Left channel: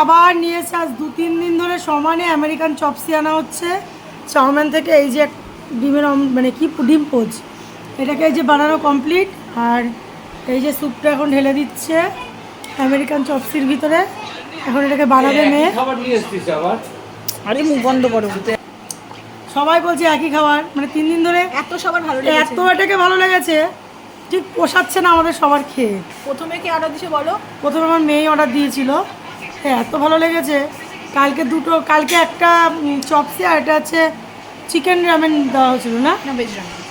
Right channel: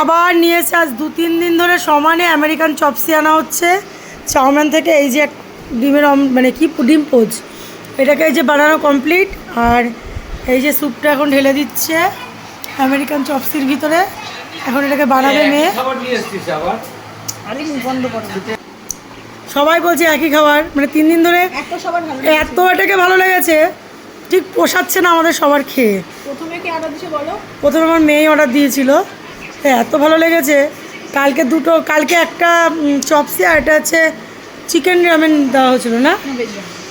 আবার নিয়ে এসে আজ 2-3 দিন ধরে সমানে আমেরিকান চপসি আনা হচ্ছে চাউমিন থেকে। এই যে ডিমের মানে কি ডিম পোচ, এটাকে এই যে বানানো কমপ্লিট। আর এই যে স্যুপটা এখন ঢেলে দিচ্ছে আমেরিকান চপসির ভিতরে। এখন এটাকে বানাবে মেয়ে। আরে মুখ বন্ধ করো। সবাই বলছে একই খাবার, মানে 3 দিন ধরে এত এটাকে ভালো লেগেছে, ঠিক পোষাচ্ছে না আমাদের সবার খেয়ে। প্রথমে কি অর্ডার দিয়েছে বলো? প্রথমে আমার মেয়ে অর্ডার দিয়েছিল, এত ভালো লেগেছে। কালকে একটা চপসি আর এটা হচ্ছে চিকেন রামেন দেওয়া হয়েছিল না,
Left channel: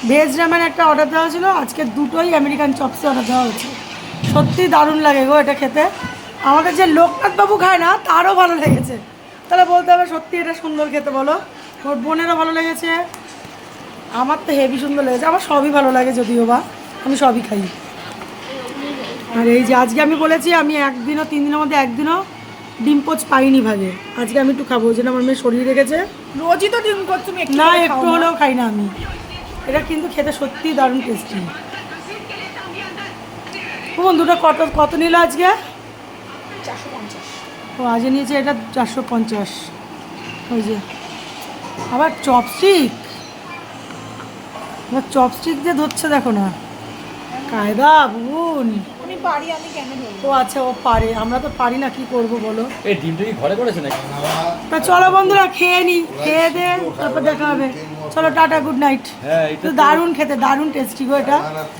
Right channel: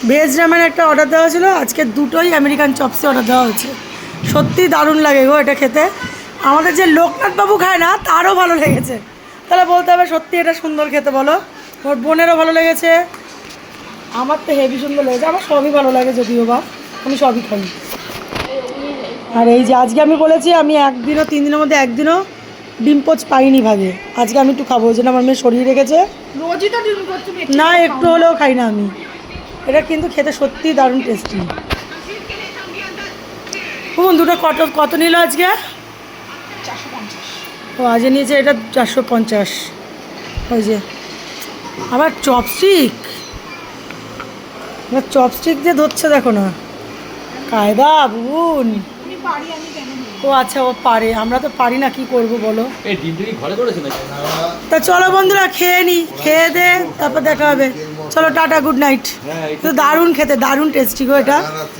ভেজ রামেন একটা অর্ডার দেওয়া হয়েছিল। আজকে দুটোই আমেরিকান চপসি অর্ডার দেওয়া হয়েছে। সত্যিই দারুণ লাগে গো এটা খেতে। আমাদের যে লোকনাথ বাবু খায় না তারও ভালো লেগেছে, তাহলে বলতে হবে সত্যি এটা সুন্দর খেতে। বলো, ওর বোনেরও ভালো লেগেছে, আমার তো হেভি সুন্দর লেগেছে। আমার সবই ভালো লাগে, যদিও বা আমি সবই খাই। আর এই যে আজকে আমি বলেছি আমি 3 দিনের মধ্যে একদিনও ডিম পোচ পাইনি ভাগে। আজকে আমি একটু খাবো, ওই জন্য আমার মেয়ে সরিয়ে রেখেছে। রোজই তো ডিম পোচ তুমি না, একটু হলেও খাই না আমি। এটা কিন্তু খেতে সত্যিই দারুণ টেস্টি। দুটো কত নিল আজকে? 450। ও আজকে নিয়েছে এটা 450। ওই যে আবার চপস্টিক দিয়ে ধরছে, দেখো না কায়দা বোন। তুমি পারি, আমি কেন ও আচ্ছা, ও পারে, আমরা তো পারি না, কি করব বলো। এই ডিমটা কি ঘরে করেছে নাকি? তা চলো বন্ধুরা, খেয়ে নি, খেয়ে দে তারপর দেখা হবে। চলো টাটা, গুড নাইট। তো দারুণ খেতে, দারুণ টেস্টি গো এটা।